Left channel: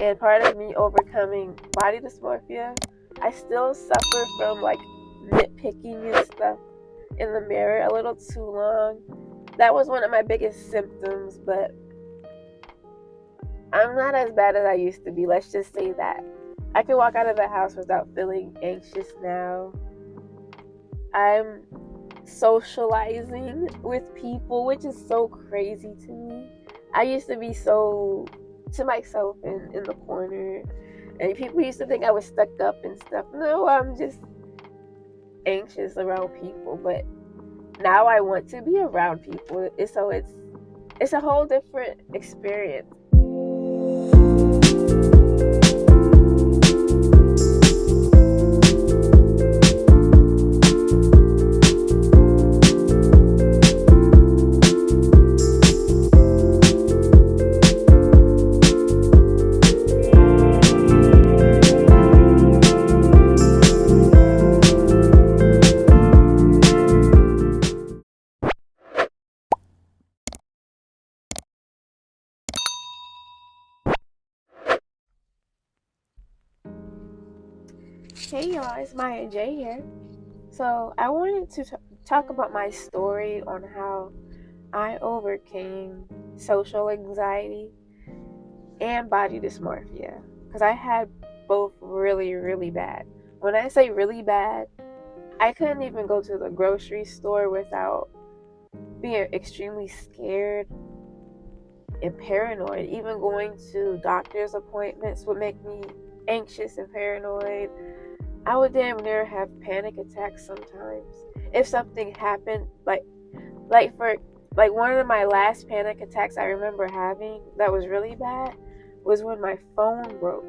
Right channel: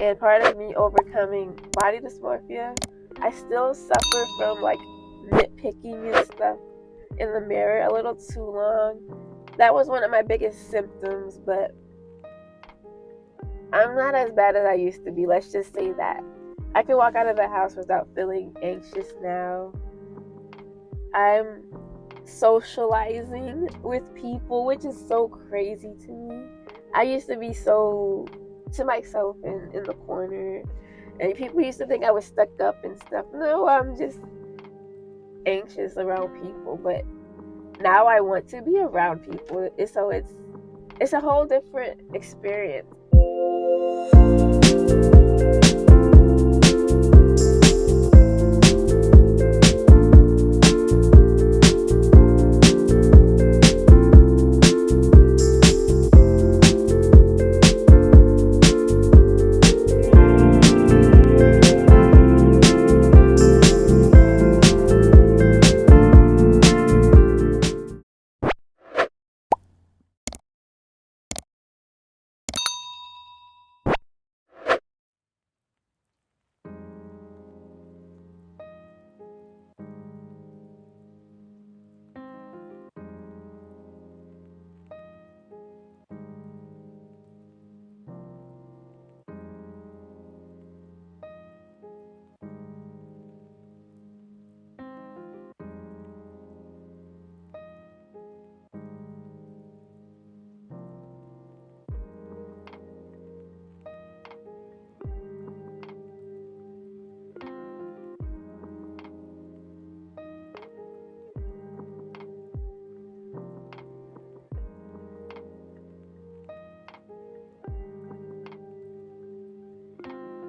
and part of me overcoming body dysmorphia, I still suffer from like nitpicking and stuff in the mirror a little too long. That was one of my biggest symptoms, but I'm not as bad as I used to be. Let's just say that. I can walk out of the house without feeling anxious now. I'm socializing with people, which is so crazy to me. I used to be so to myself in the corner, and people used to think I was stuck up and stuff. No, I'm just anxious around people, but now I want to be around people. So it's a whole different experience. Hey y'all, it's Maya J here. So I wanted to talk about my story on how I overcame social anxiety and body dysmorphia, because I had both really, really bad. When I say really bad, I couldn't even go to the grocery store without being extremely scared and paranoid. Even going to doctor's appointments would make me anxious and paranoid. I would damn near have panic attacks sometimes. If something happened, for one of my last panic attacks I remember having that was really bad was when my phone broke.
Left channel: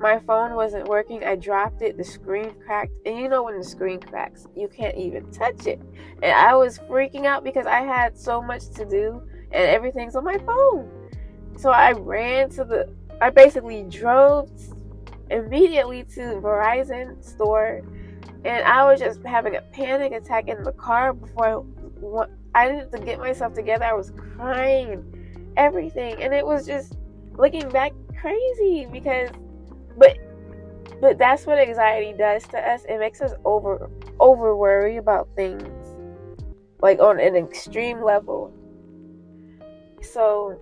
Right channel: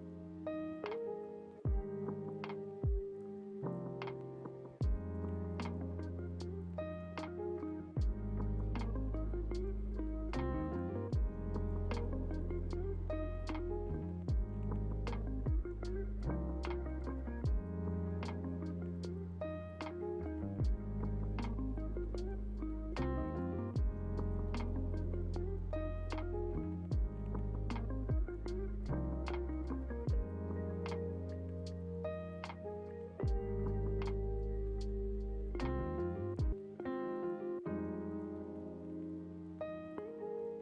My phone wasn't working. I dropped it. The screen cracked, and you know when the screen cracks, you can't even touch it. And I was freaking out because I had so much to do, and everything's on my phone. So I basically drove immediately to Verizon store, and I was just having a panic attack in the car before I needed to get myself together. I was crying, everything, and it was just looking back crazy but that's what anxiety does to us. It makes us over worry about things, like on an extreme level. So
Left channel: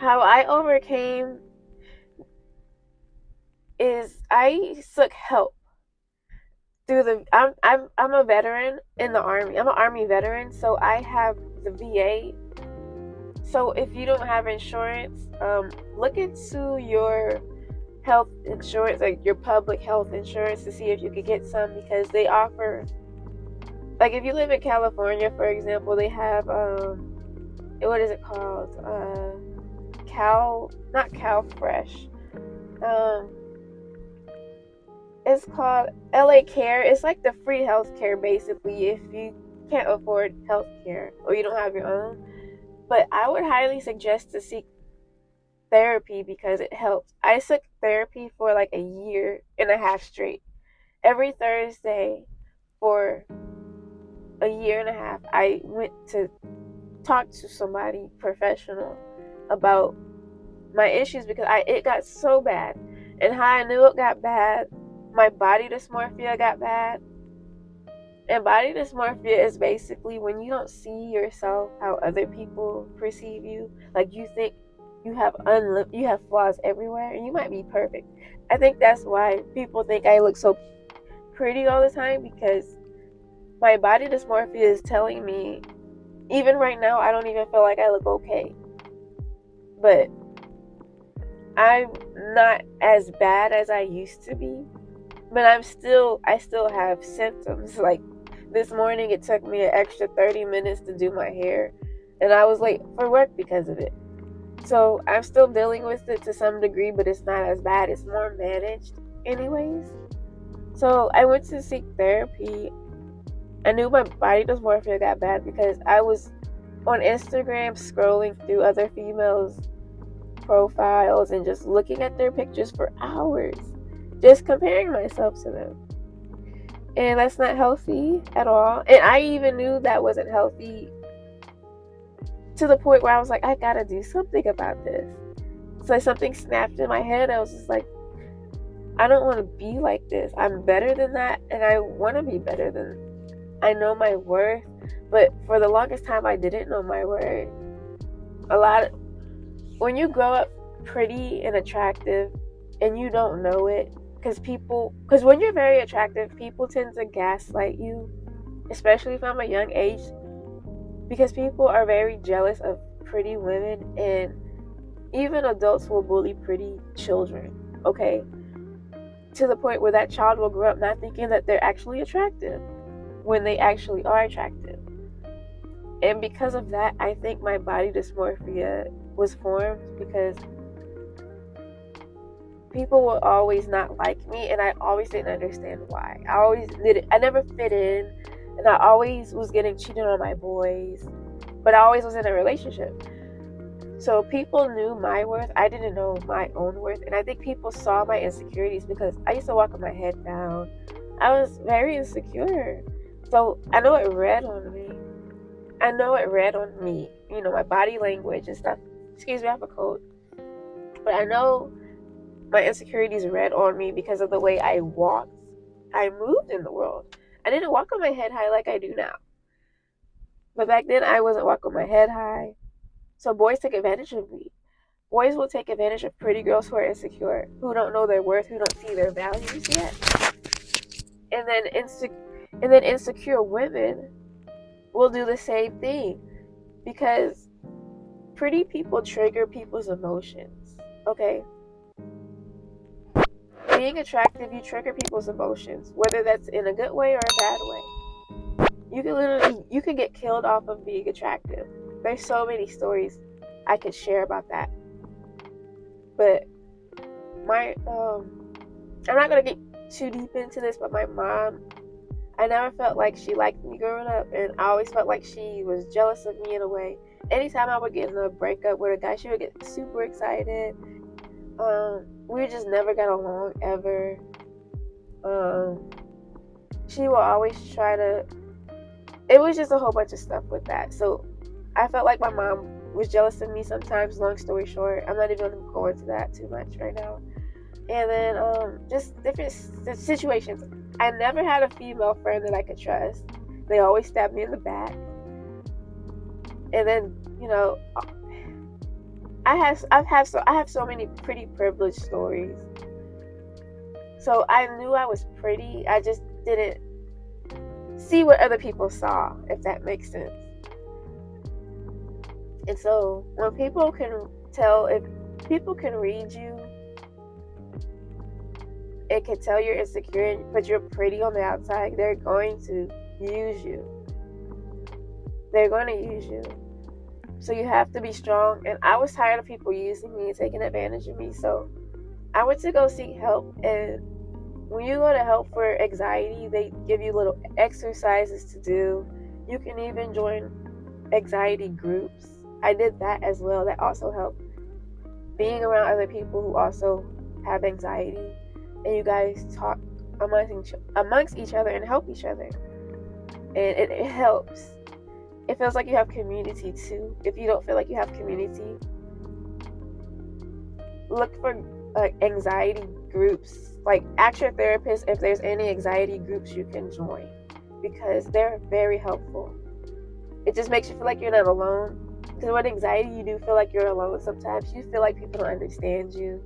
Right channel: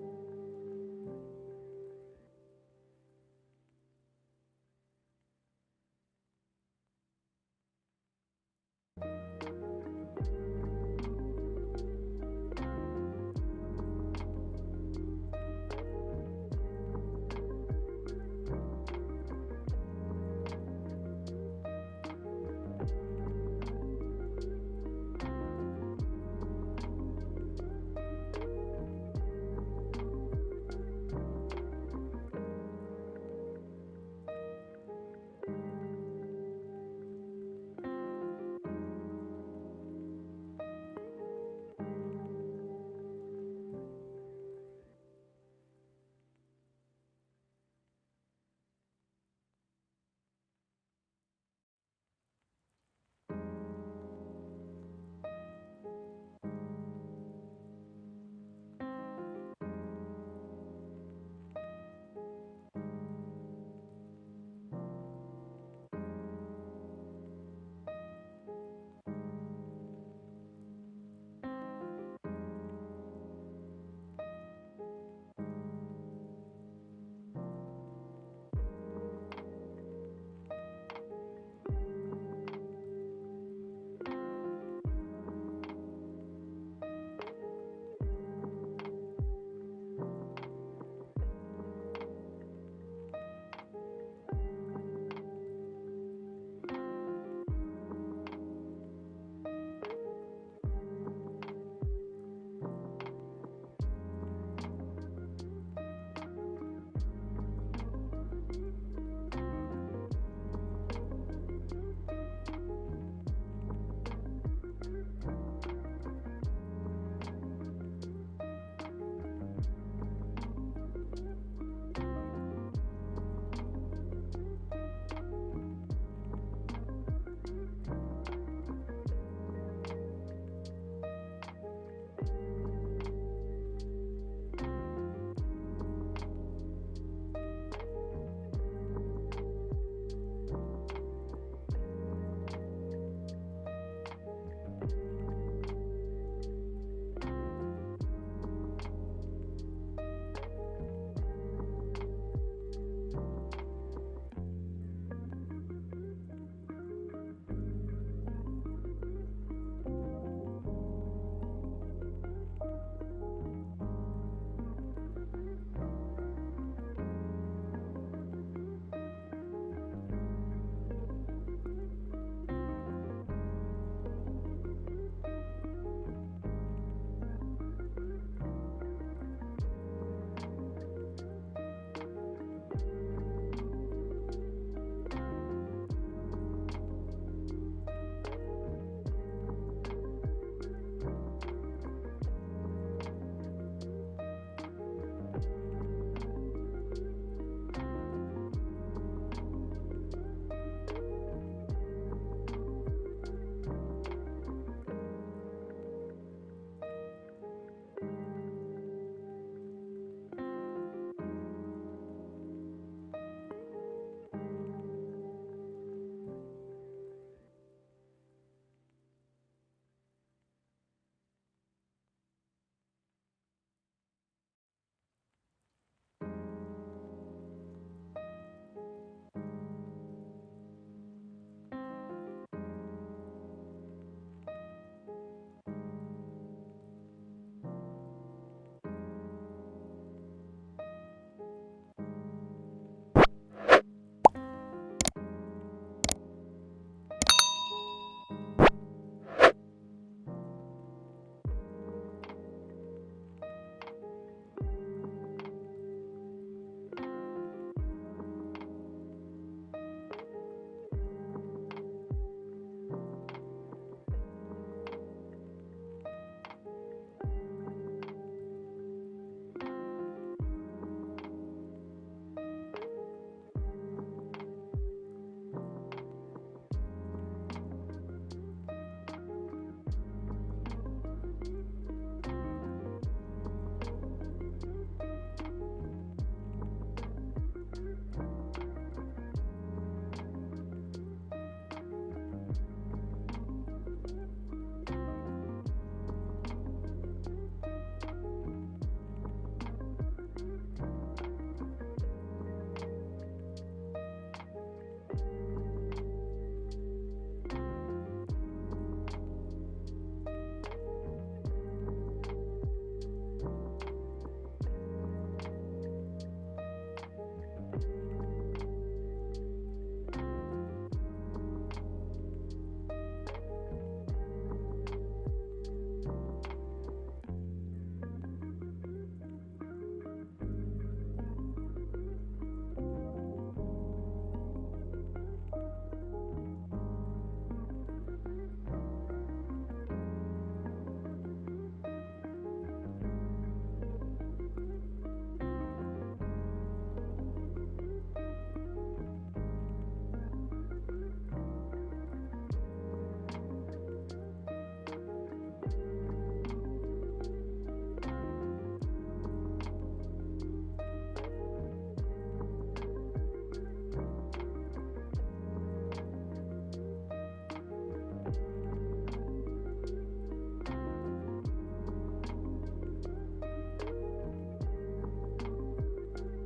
how I overcame is I took help through I'm a veteran in the Army. I'm an Army veteran, so I have the VA. So if you don't have insurance, look into your health insurance, like your public health insurance, to see if you could get some, because they offer, like if you live in California, for example, they have what is it called? Not Cal Fresh. It's called LA Care. It's like the free healthcare basically if you can't afford healthcare or you don't have your own. But I would highly suggest to seek therapy because it helps. I took therapy for like a year and a half straight. Every Thursday for a year and a half, I went to talk to somebody professional about my issues because it got so bad. And how I knew it got bad, my body dysmorphia got bad. And body dysmorphia is basically when you don't see yourself how other people perceive you. Like you think you have flaws everywhere, and you might be perfect. I think that's why people think I look so pretty all the time, because my body dysmorphia is telling me, even right now, I don't even feel like I look okay. But I'm not as bad as I used to be. But I still have symptoms. Like this morning, it took me an extra 30 minutes to do my hair, and I was late for work because of it. So I'm still dealing with it to some degree, but it's not as bad. It's more managed anyways. So I went to seek therapy. I knew my body dysmorphia got bad because I was on Instagram scrolling through other females' profiles and just looking at their pictures for hours, just comparing myself to them. And that's not healthy at all. And I even knew that wasn't healthy to the point where I was like, I gotta do something about this. like something snapped in my head. I was just like, I don't want to be like this. I'm better than that, and I want to be better than. I know my worth, but for the longest time, I didn't know my worth. When you grow up pretty and attractive, and you don't know it, because when you're very attractive, people tend to gaslight you, especially from a young age, because people are very jealous of pretty women, and even adults will bully pretty children, okay? To the point where that child will grow up not thinking that they're actually attractive when they actually are attractive. And because of that, I think my body dysmorphia was formed, because people will always not like me, and I always didn't understand why. I never fit in, and I always was getting cheated on by boys, but I always was in a relationship. So people knew my worth. I didn't know my own worth, and I think people saw my insecurities because I used to walk with my head down. I was very insecure. So I know it read on me. My body language and stuff. Excuse me, I have a cold. But I know my insecurities read on me because of the way I walked. I moved in the world. I didn't walk with my head high like I do now. But back then, I wasn't walking with my head high. So boys took advantage of me. Boys will take advantage of pretty girls who are insecure, who don't know their worth, who don't see their values yet. And then insecure women will do the same thing, because pretty people trigger people's emotions. Okay? Being attractive, you trigger people's emotions, whether that's in a good way or a bad way. You can get killed off of being attractive. There's so many stories I could share about that. But I'm not gonna get too deep into this, but my mom, I never felt like she liked me growing up, and I always felt like she was jealous of me in a way. Anytime I would get in a breakup with a guy, she would get super excited. We just never got along ever. She will always try to. It was just a whole bunch of stuff with that. So I felt like my mom was jealous of me sometimes. Long story short, I'm not even going to go into that too much right now. And then just different situations. I never had a female friend that I could trust. They always stabbed me in the back. And then, I have so many pretty privileged stories. So I knew I was pretty. I just didn't see what other people saw, if that makes sense. And so when people can tell, if people can read you, it can tell you're insecure, but you're pretty on the outside, they're going to use you. They're going to use you. So you have to be strong. And I was tired of people using me and taking advantage of me. So I went to go seek help. And when you go to help for anxiety, they give you little exercises to do. You can even join anxiety groups. I did that as well. That also helped. Being around other people who also have anxiety, and you guys talk amongst each other and help each other. And it helps. It feels like you have community too. If you don't feel like you have community, look for anxiety groups. Ask your therapist if there's any anxiety groups you can join, because they're very helpful. It just makes you feel like you're not alone. Because with anxiety, you do feel like you're alone sometimes. You feel like people don't understand you.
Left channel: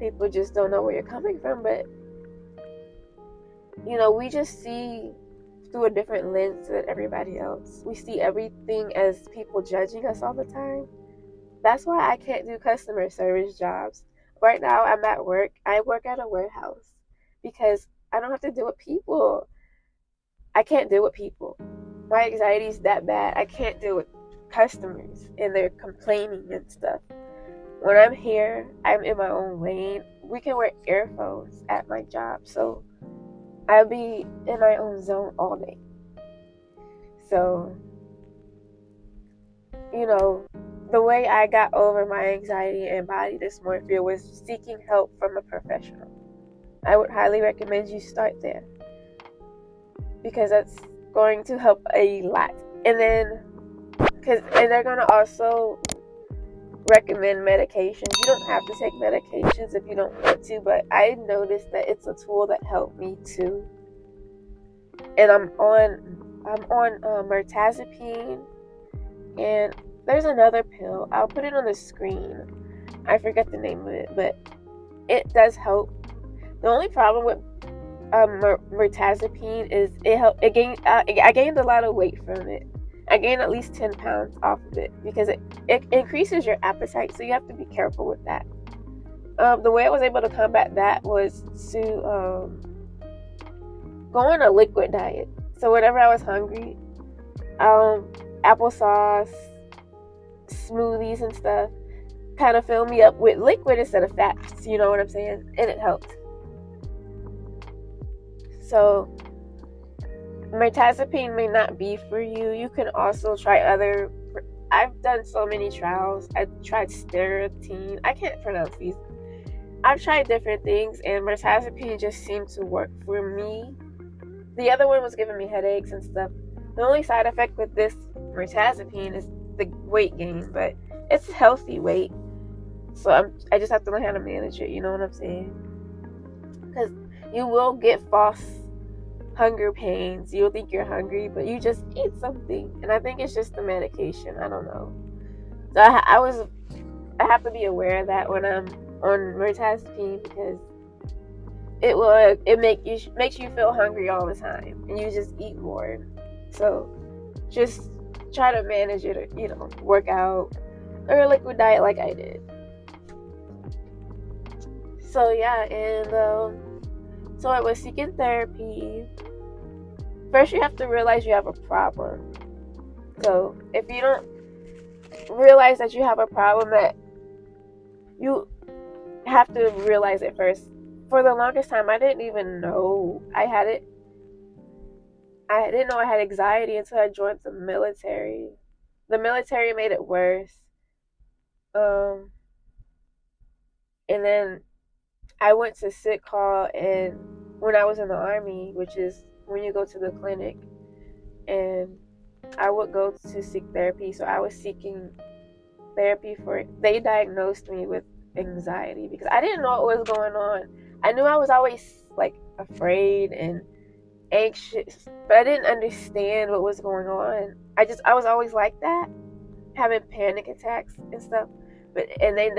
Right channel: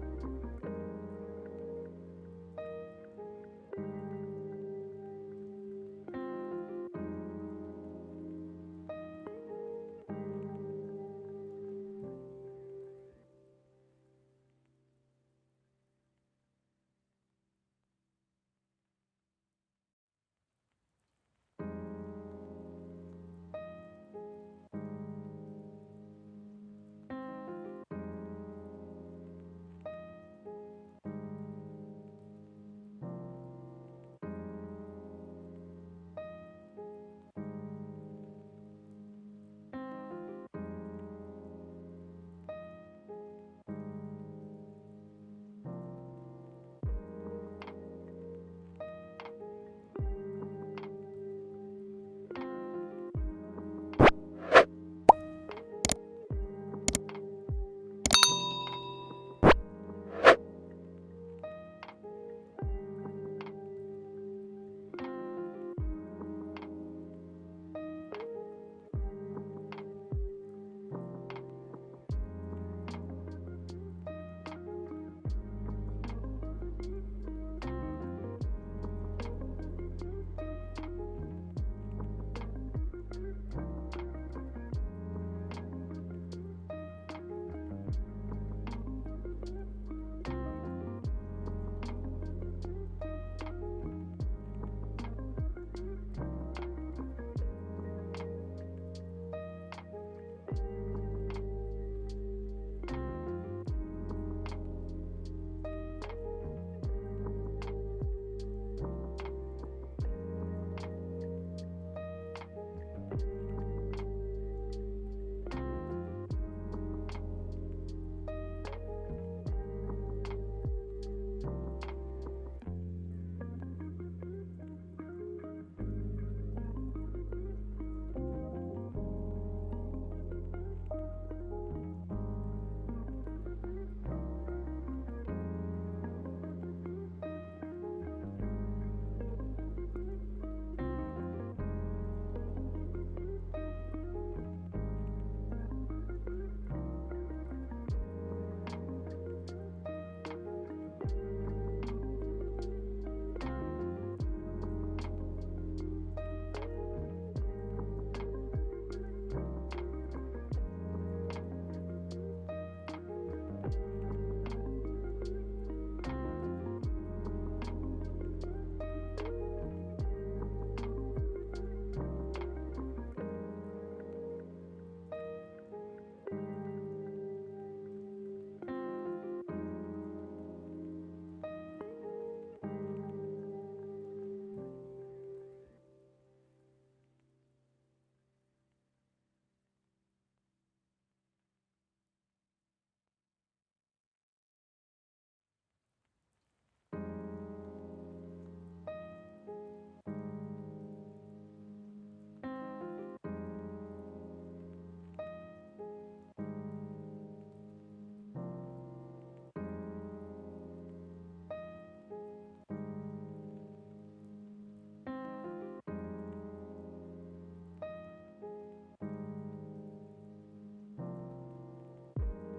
People just don't know where you're coming from. But, we just see through a different lens than everybody else. We see everything as people judging us all the time. That's why I can't do customer service jobs. Right now, I'm at work. I work at a warehouse because I don't have to deal with people. I can't deal with people. My anxiety is that bad. I can't deal with customers and they're complaining and stuff. When I'm here, I'm in my own lane. We can wear earphones at my job, so I'll be in my own zone all day. So, the way I got over my anxiety and body dysmorphia was seeking help from a professional. I would highly recommend you start there, because that's going to help a lot. And then, and they're going to also recommend medications. You don't have to take medications if you don't want to, but I noticed that it's a tool that helped me too. And I'm on mirtazapine, and there's another pill. I'll put it on the screen. I forget the name of it, but it does help. The only problem with mirtazapine is I gained a lot of weight from it. I gained at least 10 pounds off of it because it increases your appetite, so you have to be careful with that. The way I was able to combat that was to go on a liquid diet. So whenever I was hungry, applesauce, smoothies and stuff kind of fill me up with liquid instead of fats, you know what I'm saying? And it helped. So mirtazapine may not be for you. You can also try other. I've done so many trials. I tried steratine. I can't pronounce these. I've tried different things, and mirtazapine just seemed to work for me. The other one was giving me headaches and stuff. The only side effect with this mirtazapine is the weight gain, but it's healthy weight. So I just have to learn how to manage it. You know what I'm saying? Because you will get false hunger pains. You'll think you're hungry, but you just eat something. And I think it's just the medication. I don't know. So I have to be aware of that when I'm on mirtazapine, because it makes you feel hungry all the time, and you just eat more. So just try to manage it, or, work out or a liquid diet like I did. So yeah, and so I was seeking therapy. First, you have to realize you have a problem. So if you don't realize that you have a problem, that you have to realize it first. For the longest time, I didn't even know I had it. I didn't know I had anxiety until I joined the military. The military made it worse. And then I went to sick call, and when I was in the Army, which is when you go to the clinic, and I would go to seek therapy. So I was seeking therapy they diagnosed me with anxiety because I didn't know what was going on. I knew I was always like afraid and anxious, but I didn't understand what was going on. I was always like that, having panic attacks and stuff. And they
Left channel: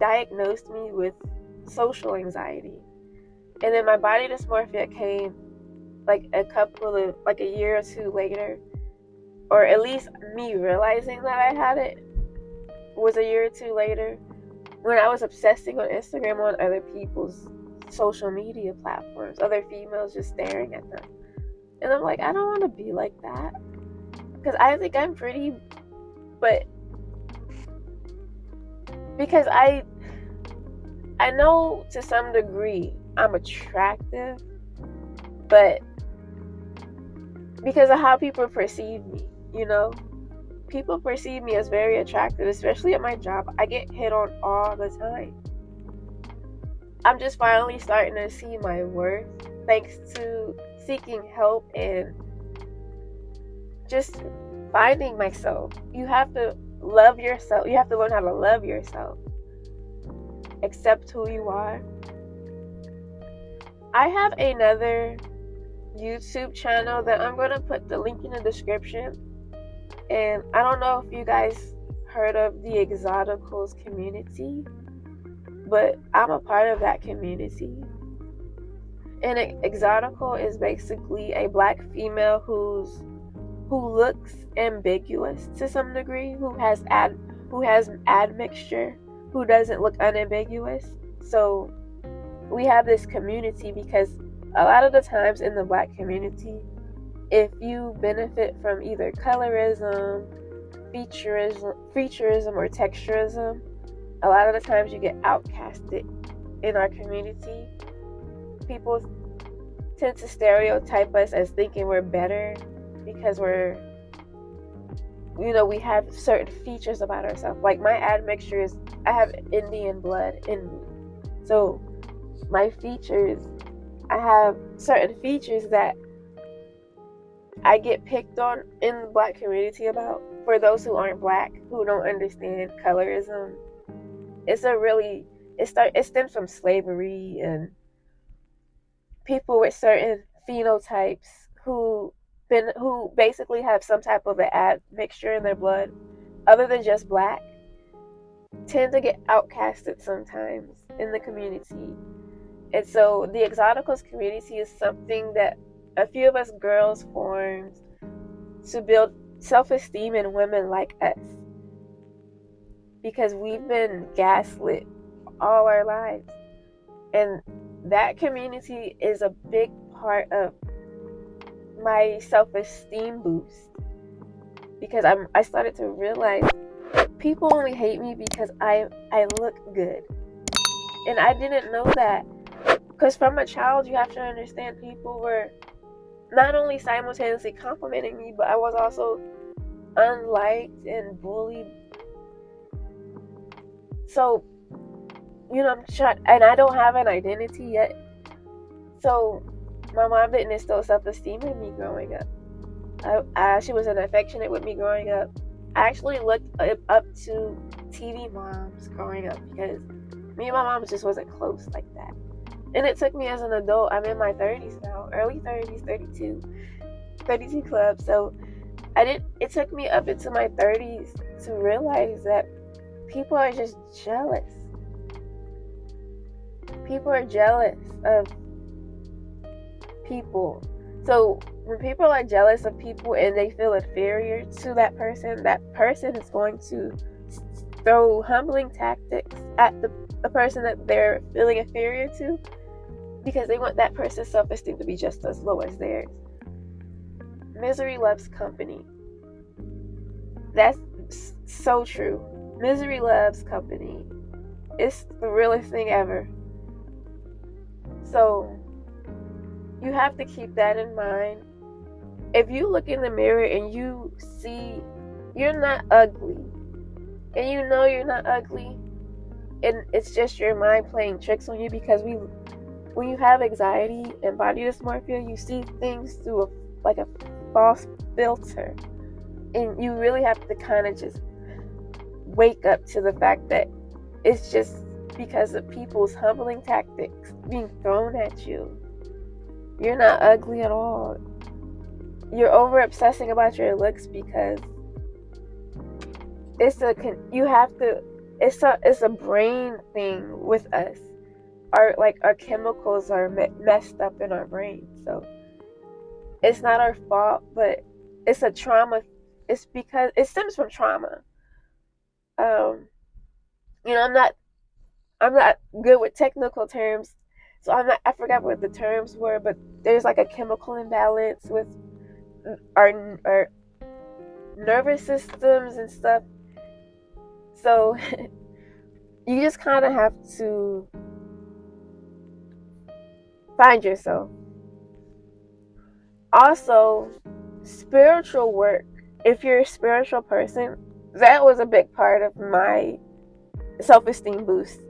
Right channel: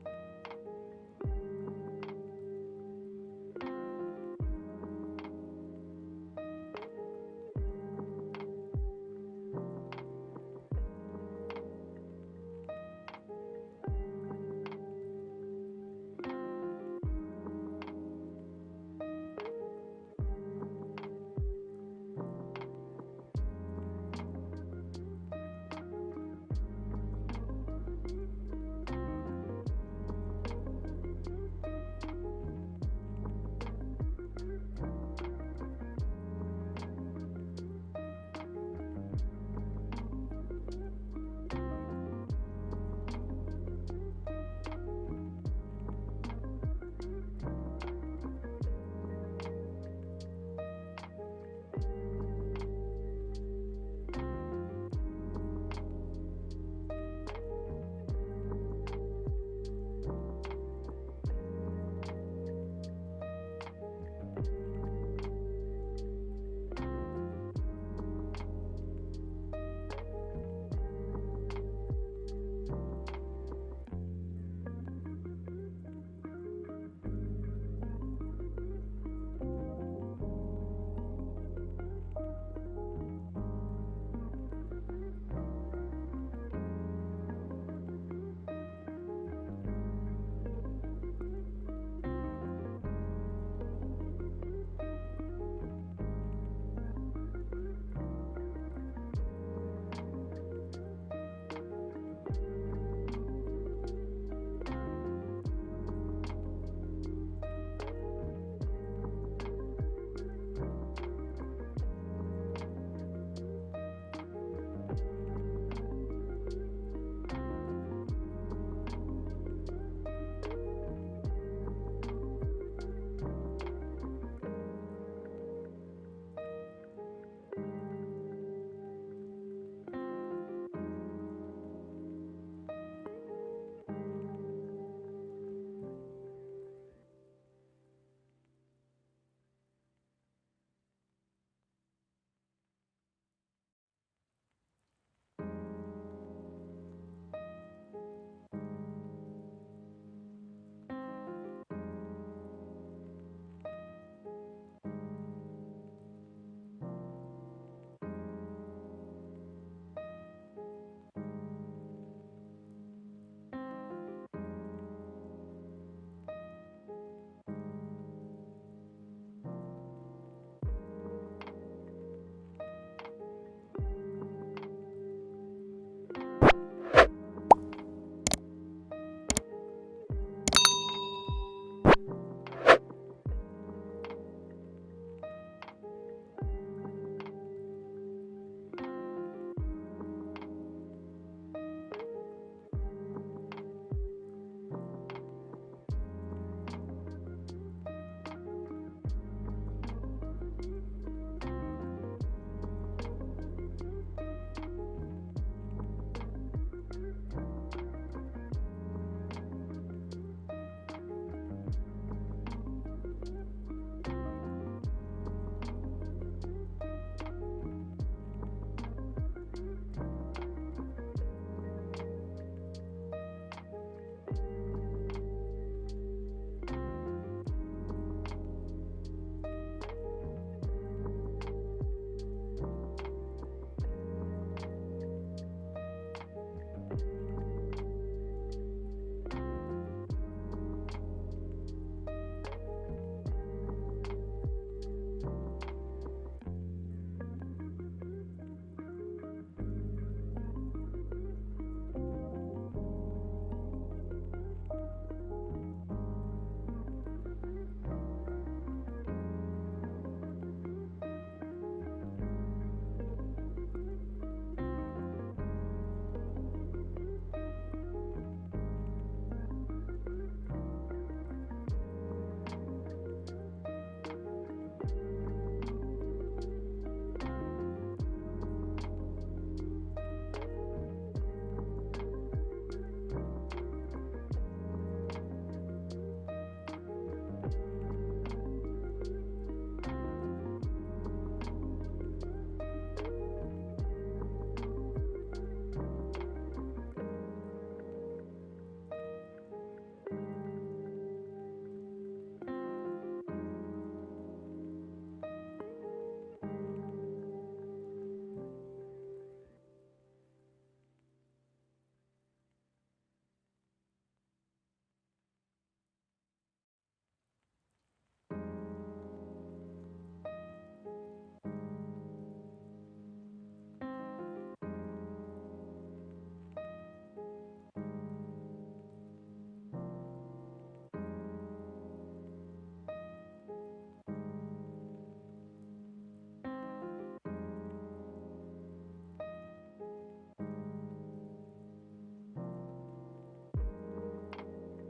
diagnosed me with social anxiety. And then my body dysmorphia came like a year or two later, or at least me realizing that I had it was a year or two later, when I was obsessing on Instagram on other people's social media platforms, other females just staring at them. And I'm like, I don't want to be like that, because I think I'm pretty, but because I know to some degree I'm attractive, but because of how people perceive me, people perceive me as very attractive, especially at my job. I get hit on all the time. I'm just finally starting to see my worth thanks to seeking help and just finding myself. You have to love yourself. You have to learn how to love yourself. Accept who you are. I have another YouTube channel that I'm going to put the link in the description. And I don't know if you guys heard of the Exoticals community, but I'm a part of that community. And Exotical is basically a black female who looks ambiguous to some degree, who has admixture, who doesn't look unambiguous. So we have this community because a lot of the times in the black community, if you benefit from either colorism, featureism, or texturism, a lot of the times you get outcasted in our community. People tend to stereotype us as thinking we're better because we have certain features about ourselves. Like my admixture is, I have Indian blood in me. So my features, I have certain features that I get picked on in the black community about, for those who aren't black, who don't understand colorism. It's a really, it stems from slavery and people with certain phenotypes who who basically have some type of an admixture in their blood other than just black tend to get outcasted sometimes in the community. And so the Exoticals community is something that a few of us girls formed to build self-esteem in women like us, because we've been gaslit all our lives. And that community is a big part of my self-esteem boost, because I started to realize people only hate me because I look good. And I didn't know that, because from a child you have to understand people were not only simultaneously complimenting me, but I was also unliked and bullied. So, I'm shot, and I don't have an identity yet. So, my mom didn't instill self-esteem in me growing up. She wasn't affectionate with me growing up. I actually looked up to TV moms growing up because me and my mom just wasn't close like that. And it took me as an adult, I'm in my 30s now, early 30s, 32 club. So it took me up into my 30s to realize that people are just jealous. People are jealous of people. So when people are jealous of people and they feel inferior to that person is going to throw humbling tactics at the person that they're feeling inferior to, because they want that person's self-esteem to be just as low as theirs. Misery loves company. That's so true. Misery loves company. It's the realest thing ever. So you have to keep that in mind. If you look in the mirror and you see you're not ugly, and you know you're not ugly, and it's just your mind playing tricks on you, because when you have anxiety and body dysmorphia, you see things through a false filter, and you really have to kind of just wake up to the fact that it's just because of people's humbling tactics being thrown at you. You're not ugly at all. You're over obsessing about your looks because it's a brain thing with us. Our chemicals are messed up in our brain. So it's not our fault, but it's a trauma. It's because it stems from trauma. I'm not good with technical terms, so I forgot what the terms were, but there's like a chemical imbalance with our nervous systems and stuff. So you just kind of have to find yourself. Also, spiritual work. If you're a spiritual person, that was a big part of my self-esteem boost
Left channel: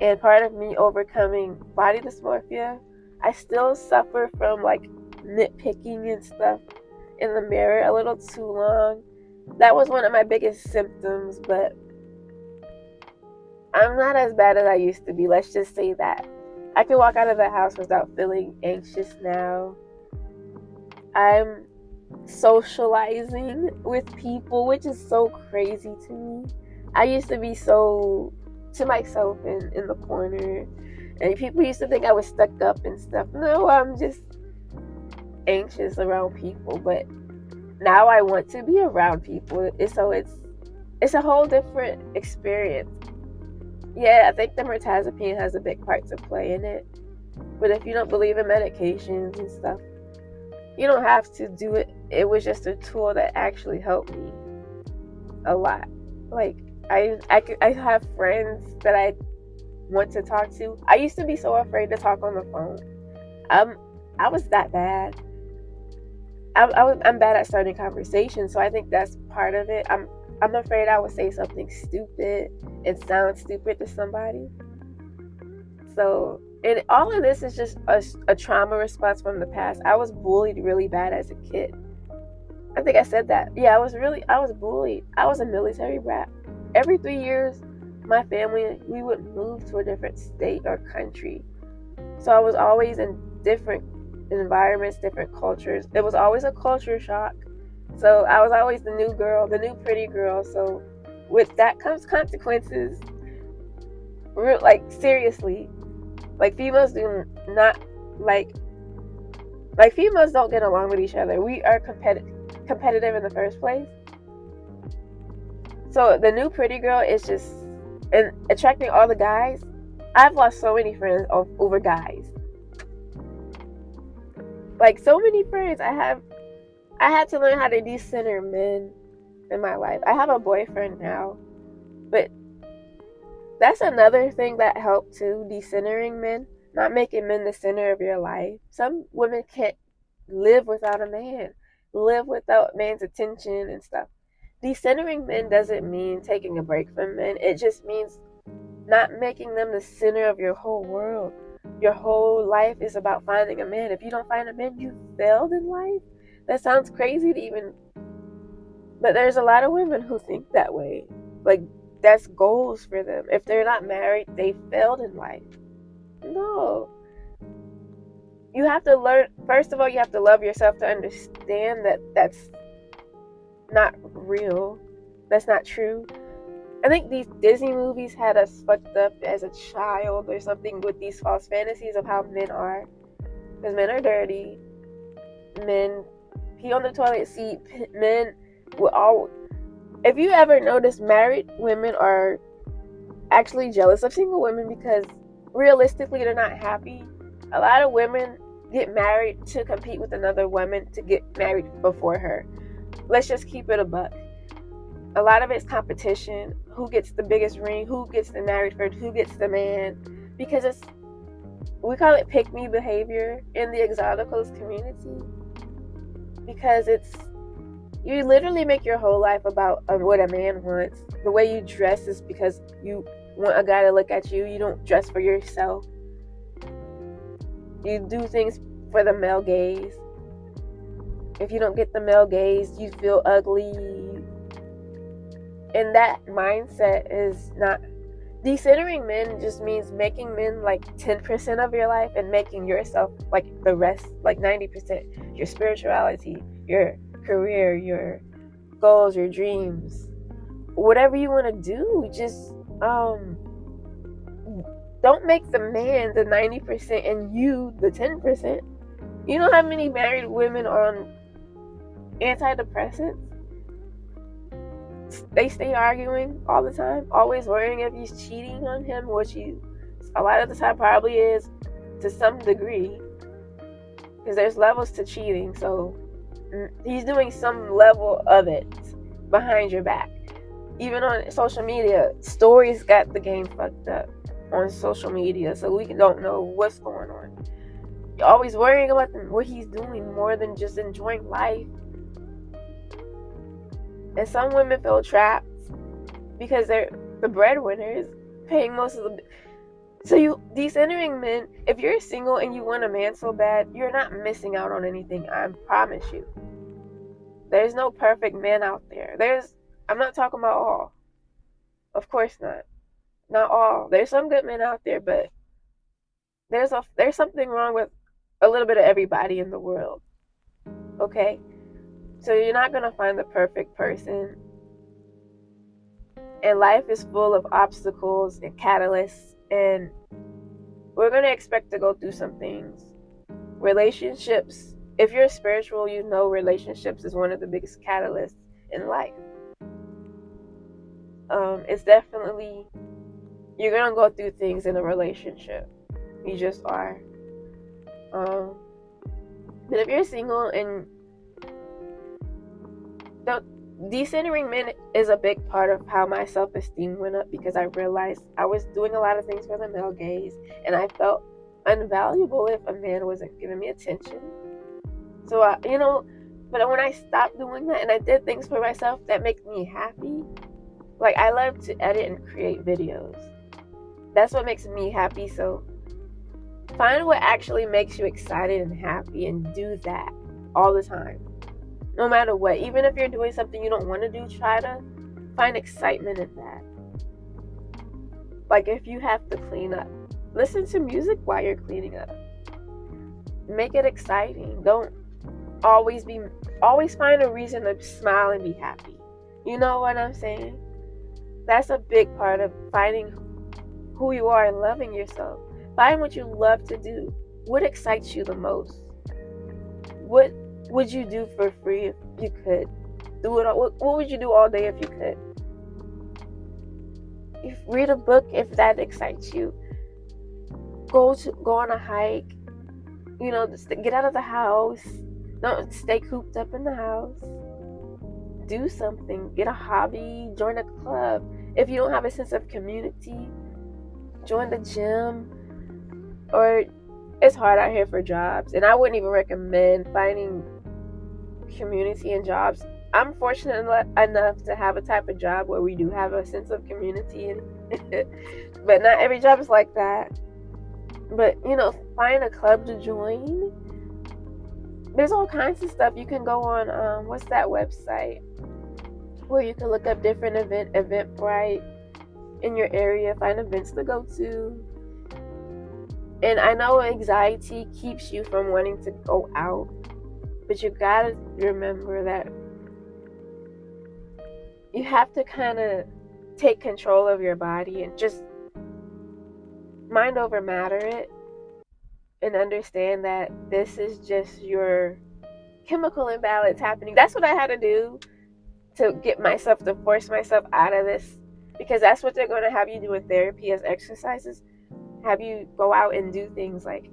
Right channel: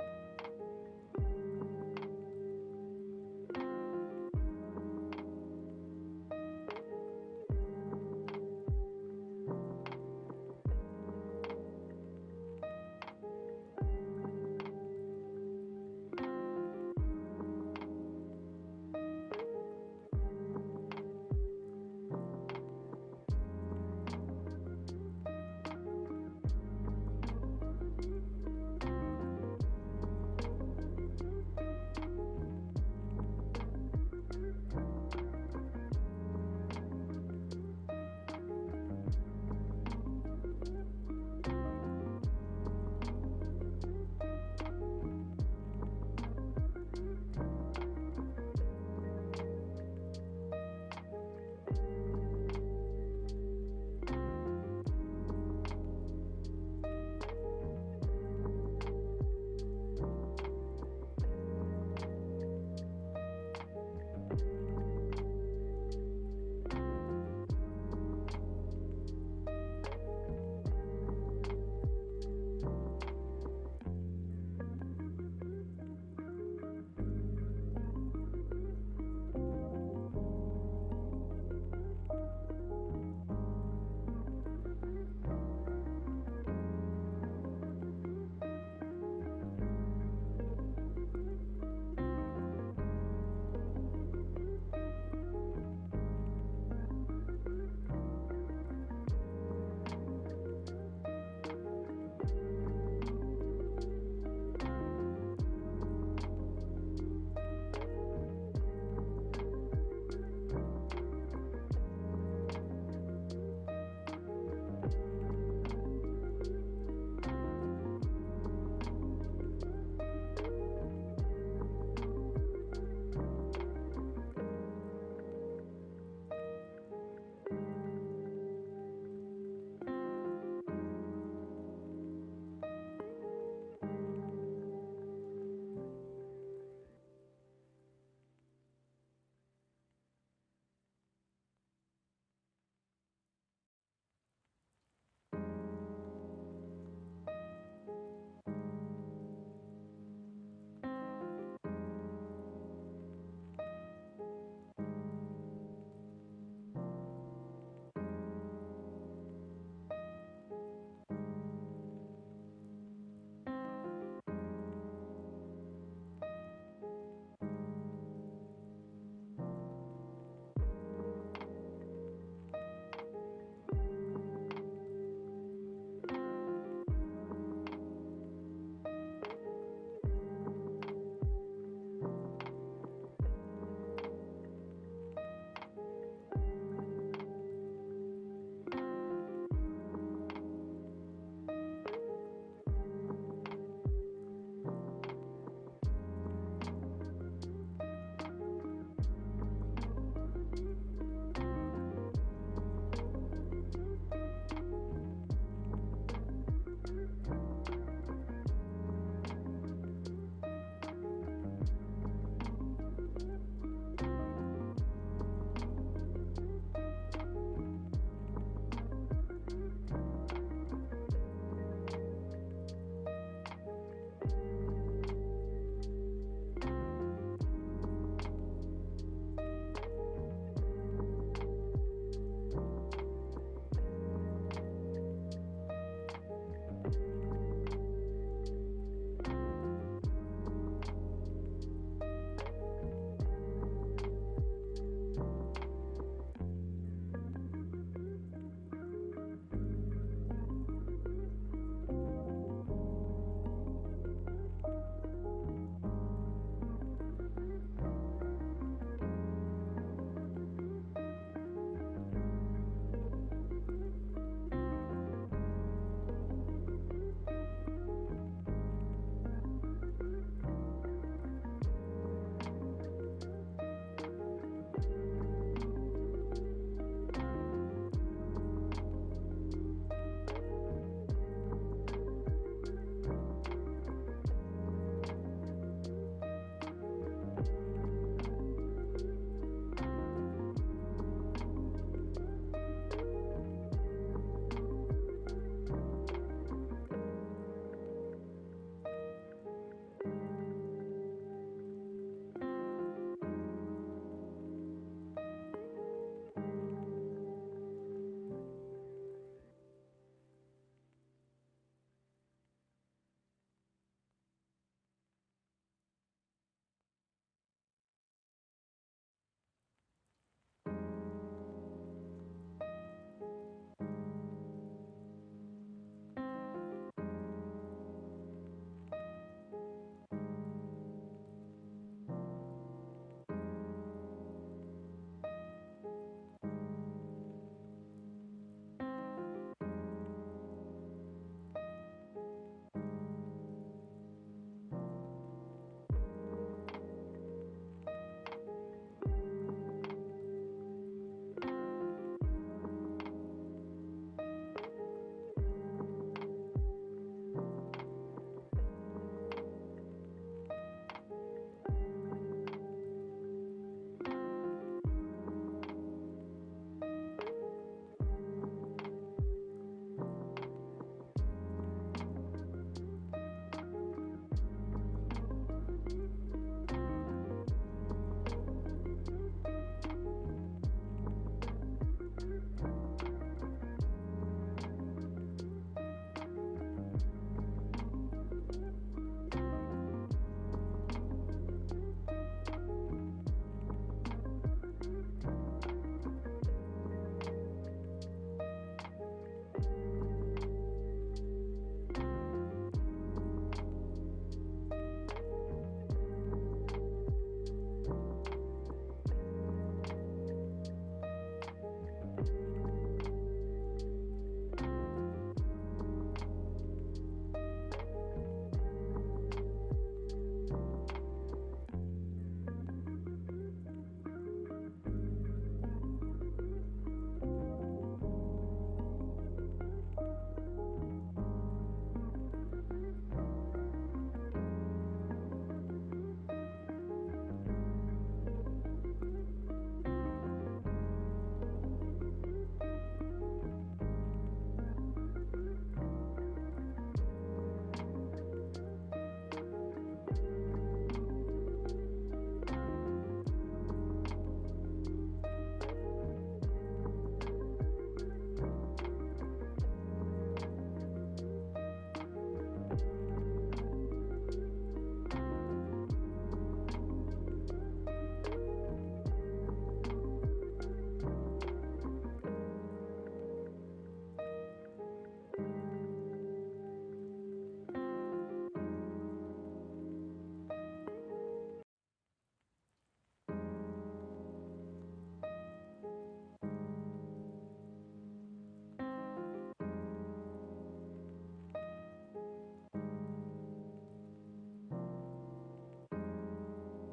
and part of me overcoming body dysmorphia. I still suffer from nitpicking and stuff in the mirror a little too long. That was one of my biggest symptoms, but I'm not as bad as I used to be. Let's just say that. I can walk out of the house without feeling anxious now. I'm socializing with people, which is so crazy to me. I used to be so to myself in the corner, and people used to think I was stuck up and stuff. No, I'm just anxious around people, but now I want to be around people. So it's a whole different experience. Yeah, I think the mirtazapine has a big part to play in it, but if you don't believe in medications and stuff, you don't have to do it. It was just a tool that actually helped me a lot. I have friends that I want to talk to. I used to be so afraid to talk on the phone. I was that bad. I'm bad at starting conversations, so I think that's part of it. I'm afraid I would say something stupid and sound stupid to somebody. So, and all of this is just a trauma response from the past. I was bullied really bad as a kid. I think I said that. Yeah, I was bullied. I was a military brat. Every 3 years, my family, we would move to a different state or country. So I was always in different environments, different cultures. It was always a culture shock. So I was always the new girl, the new pretty girl. So with that comes consequences. Like seriously, like females do not like like females don't get along with each other. We are competitive in the first place. So the new pretty girl is just and attracting all the guys. I've lost so many friends over guys. Like so many friends I had to learn how to decenter men in my life. I have a boyfriend now, but that's another thing that helped too, decentering men, not making men the center of your life. Some women can't live without a man, live without man's attention and stuff. Decentering men doesn't mean taking a break from men. It just means not making them the center of your whole world. Your whole life is about finding a man. If you don't find a man, you failed in life. That sounds crazy to even, but there's a lot of women who think that way. Like that's goals for them. If they're not married, they failed in life. No. You have to learn, first of all, you have to love yourself to understand that that's not real. That's not true. I think these Disney movies had us fucked up as a child or something with these false fantasies of how men are. Because men are dirty. Men pee on the toilet seat. Men will all. If you ever notice, married women are actually jealous of single women because realistically they're not happy. A lot of women get married to compete with another woman to get married before her. Let's just keep it a buck. A lot of it's competition. Who gets the biggest ring? Who gets the married first? Who gets the man? Because we call it pick-me behavior in the exoticals community. Because you literally make your whole life about what a man wants. The way you dress is because you want a guy to look at you. You don't dress for yourself. You do things for the male gaze. If you don't get the male gaze, you feel ugly. And that mindset is not. Decentering men just means making men like 10% of your life and making yourself like the rest, like 90%. Your spirituality, your career, your goals, your dreams, whatever you want to do. Just don't make the man the 90% and you the 10%. You know how many married women are on antidepressants? They stay arguing all the time, always worrying if he's cheating on him, which he a lot of the time probably is to some degree, because there's levels to cheating. So he's doing some level of it behind your back. Even on social media, stories got the game fucked up on social media, so we don't know what's going on. You're always worrying about what he's doing more than just enjoying life. And some women feel trapped because they're the breadwinners, paying most of the. So you decentering men, if you're single and you want a man so bad, you're not missing out on anything. I promise you. There's no perfect man out there. I'm not talking about all. Of course not. Not all. There's some good men out there, but there's something wrong with a little bit of everybody in the world. Okay? So you're not going to find the perfect person. And life is full of obstacles and catalysts. And we're going to expect to go through some things. Relationships. If you're spiritual, you know relationships is one of the biggest catalysts in life. It's definitely, you're going to go through things in a relationship. You just are. But if you're single and decentering men is a big part of how my self-esteem went up, because I realized I was doing a lot of things for the male gaze and I felt unvaluable if a man wasn't giving me attention. So but when I stopped doing that and I did things for myself that make me happy, like I love to edit and create videos. That's what makes me happy. So find what actually makes you excited and happy and do that all the time. No matter what, even if you're doing something you don't want to do, try to find excitement in that. Like if you have to clean up, listen to music while you're cleaning up. Make it exciting. Don't always find a reason to smile and be happy. You know what I'm saying? That's a big part of finding who you are and loving yourself. Find what you love to do. What excites you the most? What would you do for free if you could? Do it. What would you do all day if you could? Read a book if that excites you. Go on a hike. Get out of the house. Don't stay cooped up in the house. Do something. Get a hobby. Join a club. If you don't have a sense of community, join the gym. Or it's hard out here for jobs, and I wouldn't even recommend finding community in jobs. I'm fortunate enough to have a type of job where we do have a sense of community, but not every job is like that. But find a club to join. There's all kinds of stuff. You can go on what's that website where you can look up different Eventbrite in your area, find events to go to. And I know anxiety keeps you from wanting to go out, but you gotta remember that you have to kind of take control of your body and just mind over matter it, and understand that this is just your chemical imbalance happening. That's what I had to do to force myself out of this, because that's what they're going to have you do in therapy as exercises. Have you go out and do things like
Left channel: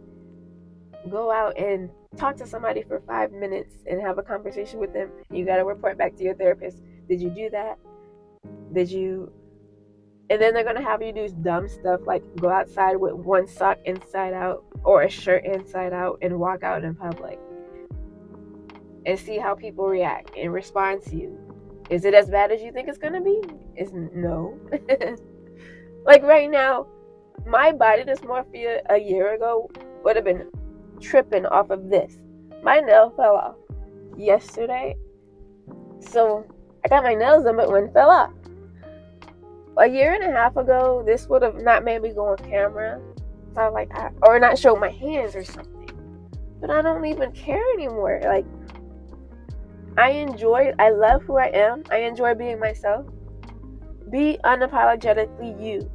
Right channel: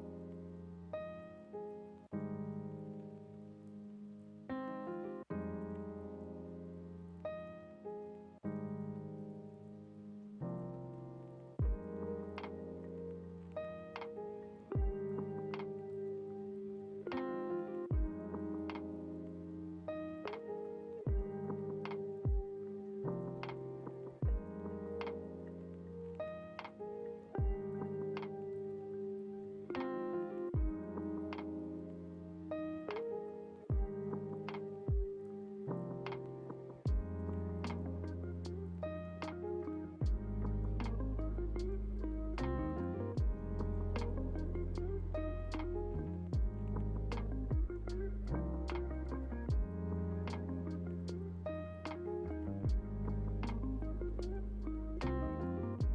go out and talk to somebody for 5 minutes and have a conversation with them. You got to report back to your therapist. Did you do that? And then they're going to have you do dumb stuff like go outside with one sock inside out or a shirt inside out and walk out in public and see how people react and respond to you. Is it as bad as you think it's going to be? No. Like right now, my body dysmorphia a year ago would have been tripping off of this. My nail fell off yesterday. So I got my nails done, but one fell off. A year and a half ago, this would have not made me go on camera. So I was like, or not show my hands or something. But I don't even care anymore. Like, I love who I am. I enjoy being myself. Be unapologetically you.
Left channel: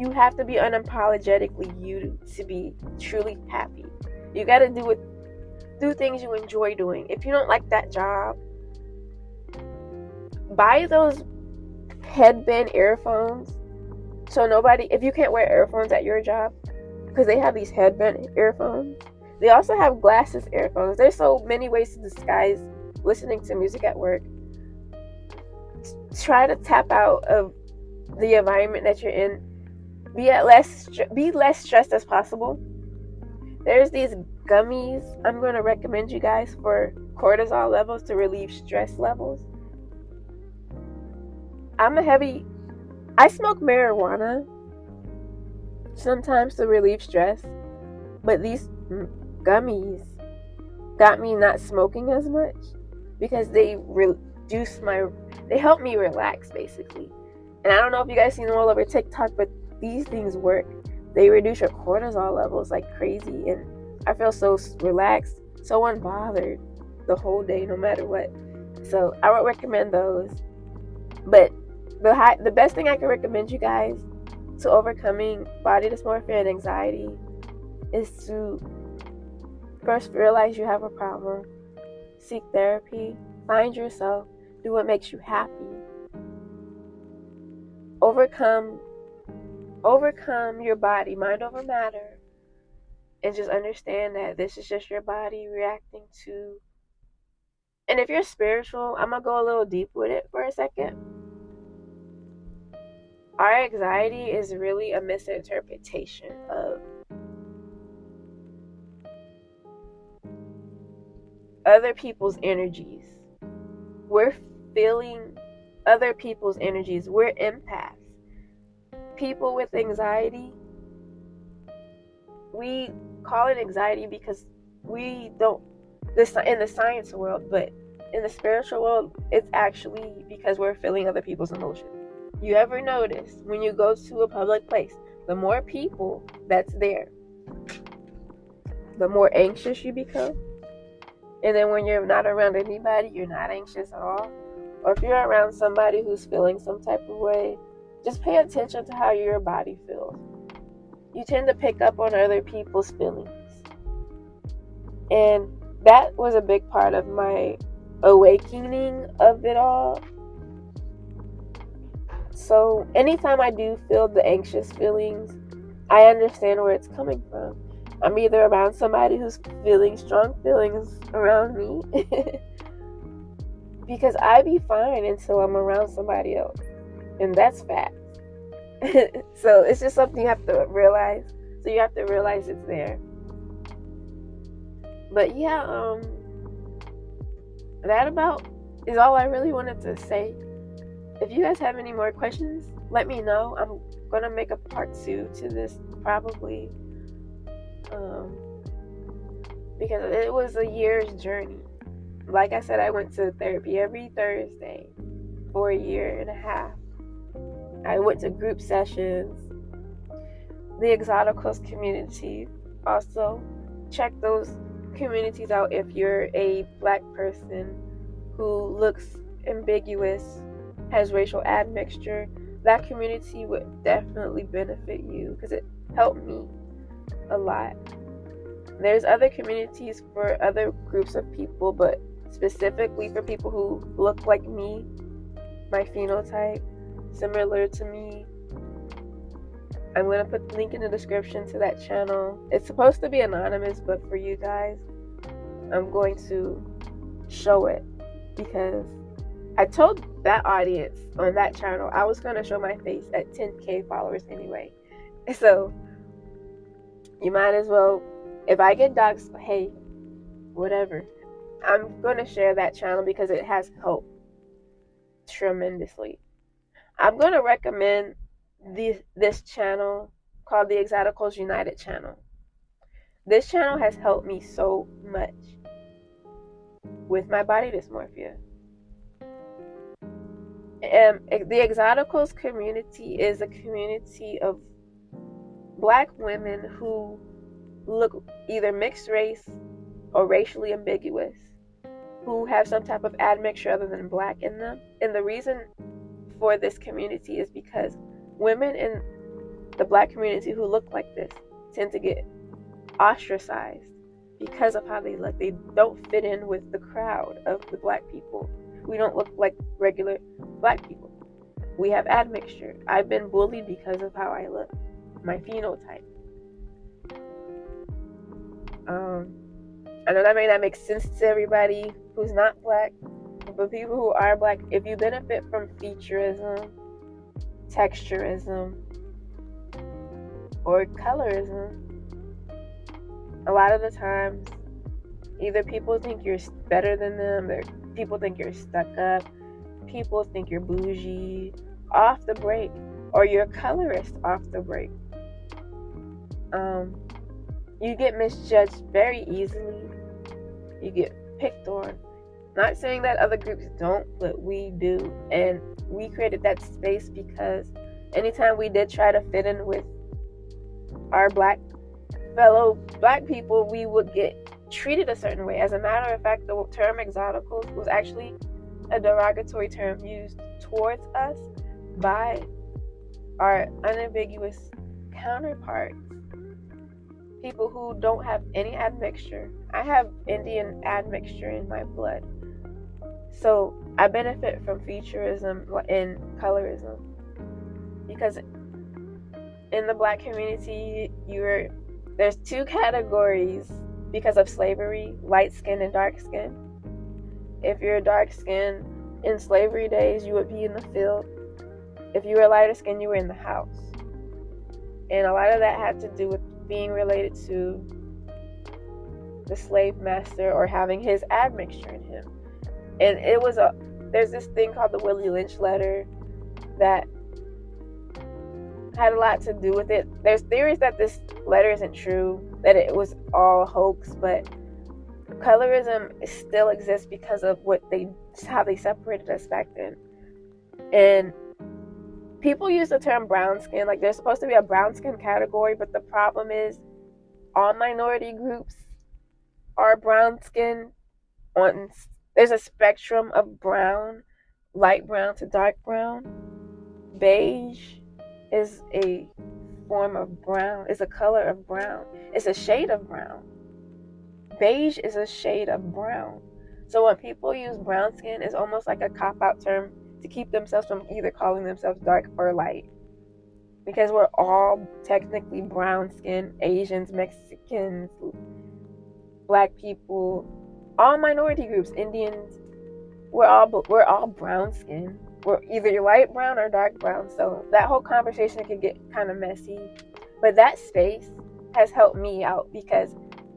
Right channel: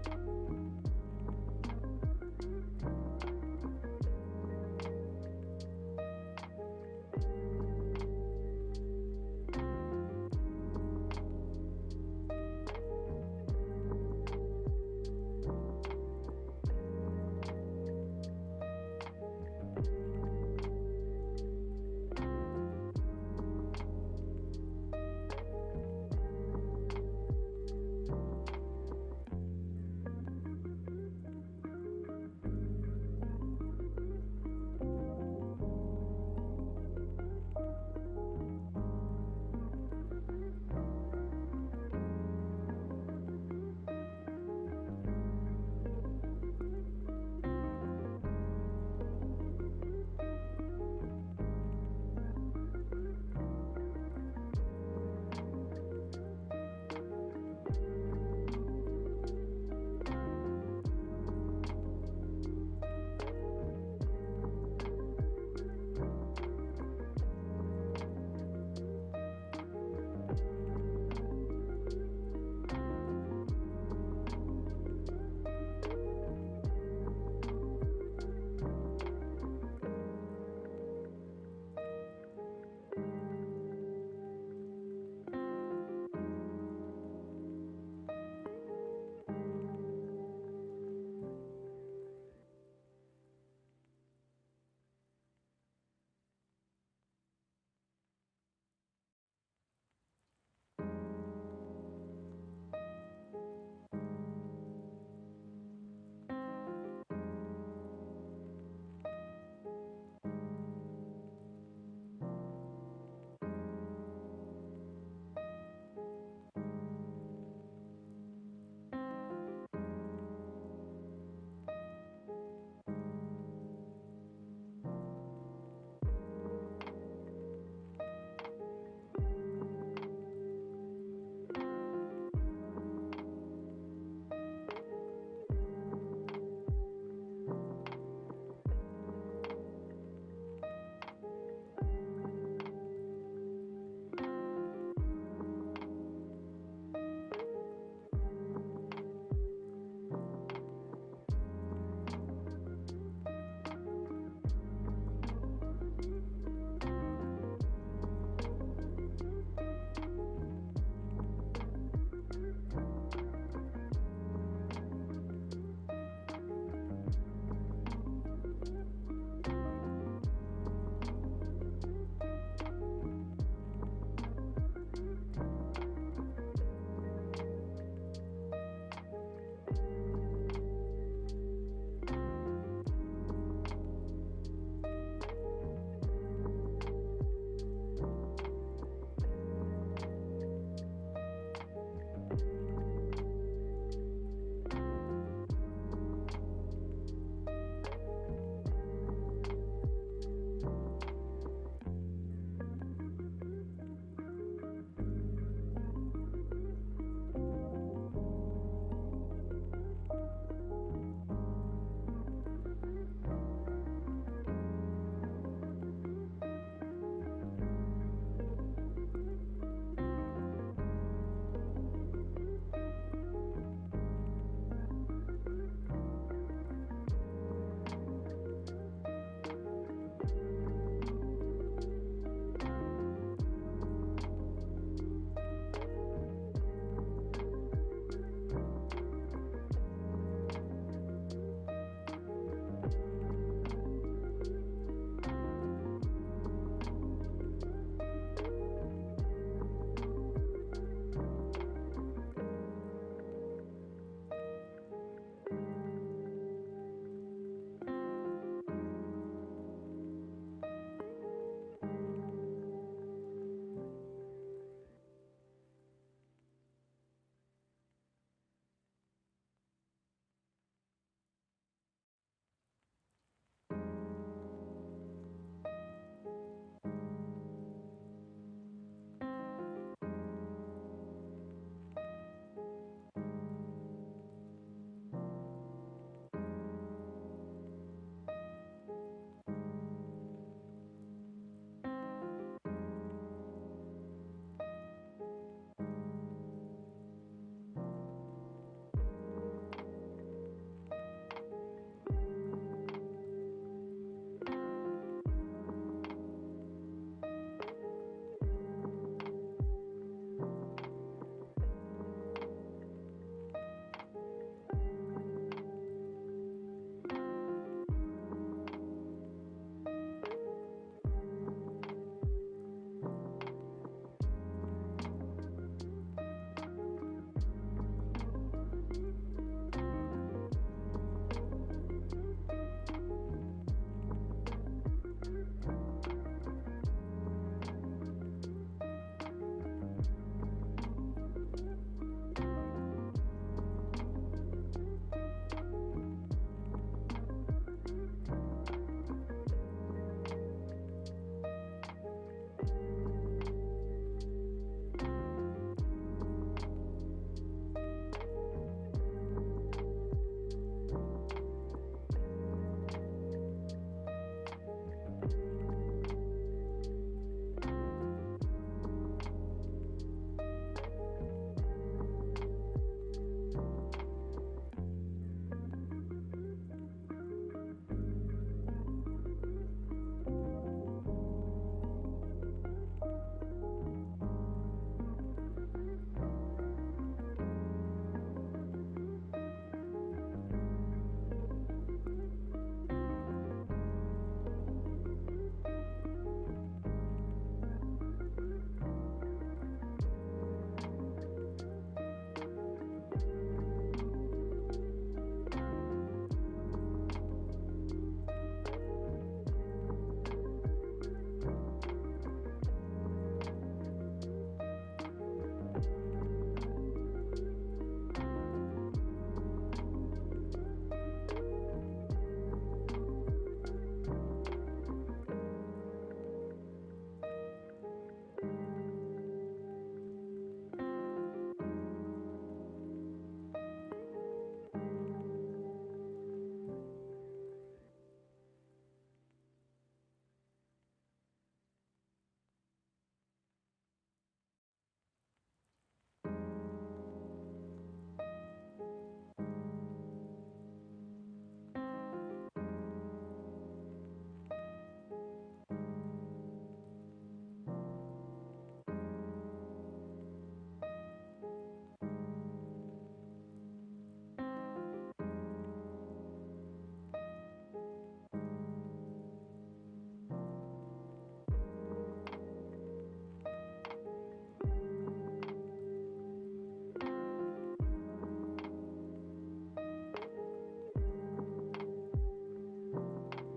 You have to be unapologetically you to be truly happy. You got to do things you enjoy doing. If you don't like that job, buy those headband earphones. So if you can't wear earphones at your job, because they have these headband earphones. They also have glasses earphones. There's so many ways to disguise listening to music at work. Try to tap out of the environment that you're in. Be less stressed as possible. There's these gummies I'm going to recommend you guys for cortisol levels to relieve stress levels. I smoke marijuana sometimes to relieve stress, but these gummies got me not smoking as much because they help me relax basically. And I don't know if you guys seen them all over TikTok, but these things work. They reduce your cortisol levels like crazy, and I feel so relaxed, so unbothered the whole day, no matter what. So I would recommend those. But the best thing I can recommend you guys to overcoming body dysmorphia and anxiety is to first realize you have a problem, seek therapy, find yourself, do what makes you happy, overcome your body, mind over matter, and just understand that this is just your body reacting to. And if you're spiritual, I'm gonna go a little deep with it for a second. Our anxiety is really a misinterpretation of other people's energies. We're feeling other people's energies. We're empaths. People with anxiety, we call it anxiety because we don't in the science world, but in the spiritual world, it's actually because we're feeling other people's emotions. You ever notice when you go to a public place, the more people that's there, the more anxious you become? And then when you're not around anybody, you're not anxious at all? Or if you're around somebody who's feeling some type of way, just pay attention to how your body feels. You tend to pick up on other people's feelings. And that was a big part of my awakening of it all. So anytime I do feel the anxious feelings, I understand where it's coming from. I'm either around somebody who's feeling strong feelings around me because I be fine until I'm around somebody else. And that's fact. So it's just something you have to realize. So you have to realize it's there. But yeah, that about is all I really wanted to say. If you guys have any more questions, let me know. I'm gonna make a part 2 to this probably, because it was a year's journey. Like I said, I went to therapy every Thursday for a year and a half. I went to group sessions, the Exoticals community. Also, check those communities out if you're a black person who looks ambiguous, has racial admixture. That community would definitely benefit you because it helped me a lot. There's other communities for other groups of people, but specifically for people who look like me, my phenotype, similar to me. I'm going to put the link in the description to that channel. It's supposed to be anonymous, but for you guys, I'm going to show it because I told that audience on that channel I was going to show my face at 10K followers anyway. So you might as well, if I get doxxed, hey, whatever. I'm going to share that channel because it has helped tremendously. I'm going to recommend this channel called the Exoticals United channel. This channel has helped me so much with my body dysmorphia. The Exoticals community is a community of black women who look either mixed race or racially ambiguous, who have some type of admixture other than black in them. And the reason for this community is because women in the black community who look like this tend to get ostracized because of how they look. They don't fit in with the crowd of the black people. We don't look like regular black people. We have admixture. I've been bullied because of how I look, my phenotype. I know that may not make sense to everybody who's not black, but people who are black, if you benefit from featureism, texturism, or colorism, a lot of the times, either people think you're better than them, or people think you're stuck up, people think you're bougie off the break, or you're a colorist off the break. You get misjudged very easily. You get picked on. Not saying that other groups don't, but we do. And we created that space because anytime we did try to fit in with our fellow black people, we would get treated a certain way. As a matter of fact, the term exoticals was actually a derogatory term used towards us by our unambiguous counterparts, people who don't have any admixture. I have Indian admixture in my blood, so I benefit from featureism and colorism because in the black community, there's two categories because of slavery: light skin and dark skin. If you're dark skin in slavery days, you would be in the field. If you were lighter skin, you were in the house. And a lot of that had to do with being related to the slave master or having his admixture in him. And there's this thing called the Willie Lynch letter that had a lot to do with it. There's theories that this letter isn't true, that it was all a hoax, but colorism still exists because of how they separated us back then. And people use the term brown skin, like there's supposed to be a brown skin category, but the problem is all minority groups are brown skin. There's a spectrum of brown, light brown to dark brown. Beige is a form of brown, is a color of brown. It's a shade of brown. Beige is a shade of brown. So when people use brown skin, it's almost like a cop-out term to keep themselves from either calling themselves dark or light. Because we're all technically brown skin, Asians, Mexicans, black people, all minority groups, Indians, we're all brown skin. We're either light brown or dark brown. So that whole conversation can get kind of messy. But that space has helped me out because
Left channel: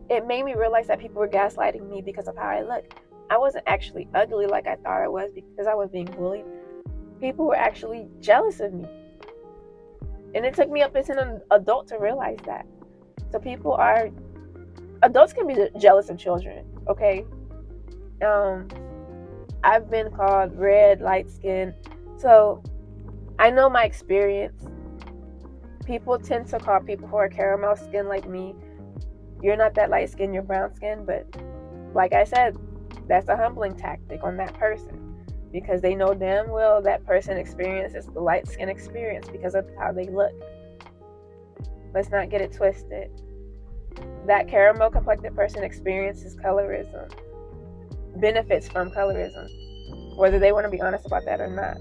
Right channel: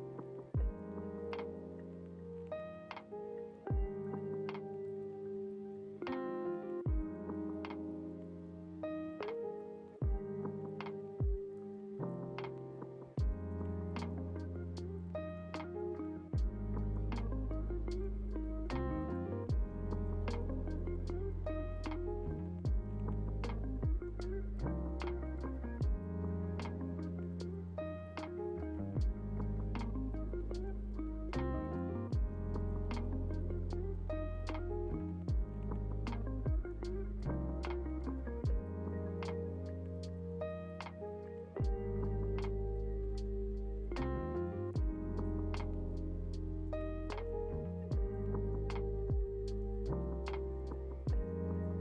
it made me realize that people were gaslighting me because of how I look. I wasn't actually ugly like I thought I was because I was being bullied. People were actually jealous of me. And it took me up as an adult to realize that. So adults can be jealous of children, okay? I've been called red, light skin. So I know my experience. People tend to call people who are caramel skin like me, you're not that light skin, you're brown skin. But like I said, that's a humbling tactic on that person because they know damn well that person experiences the light skin experience because of how they look. Let's not get it twisted. That caramel complected person experiences colorism, benefits from colorism, whether they want to be honest about that or not.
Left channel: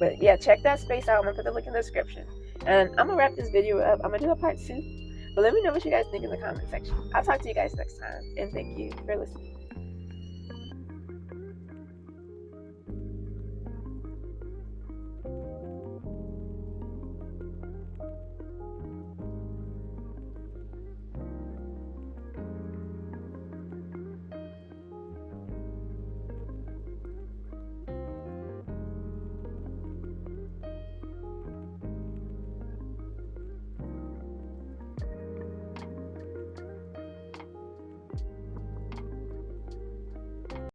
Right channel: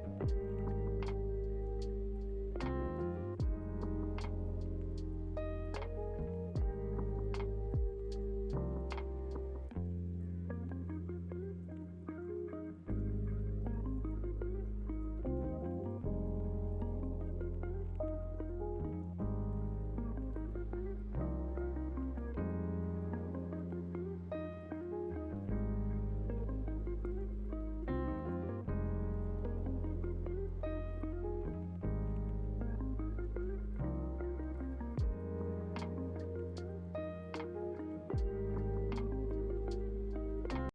But yeah, check that space out. I'm going to put the link in the description. And I'm going to wrap this video up. I'm going to do a part 2. But let me know what you guys think in the comment section. I'll talk to you guys next time. And thank you for listening.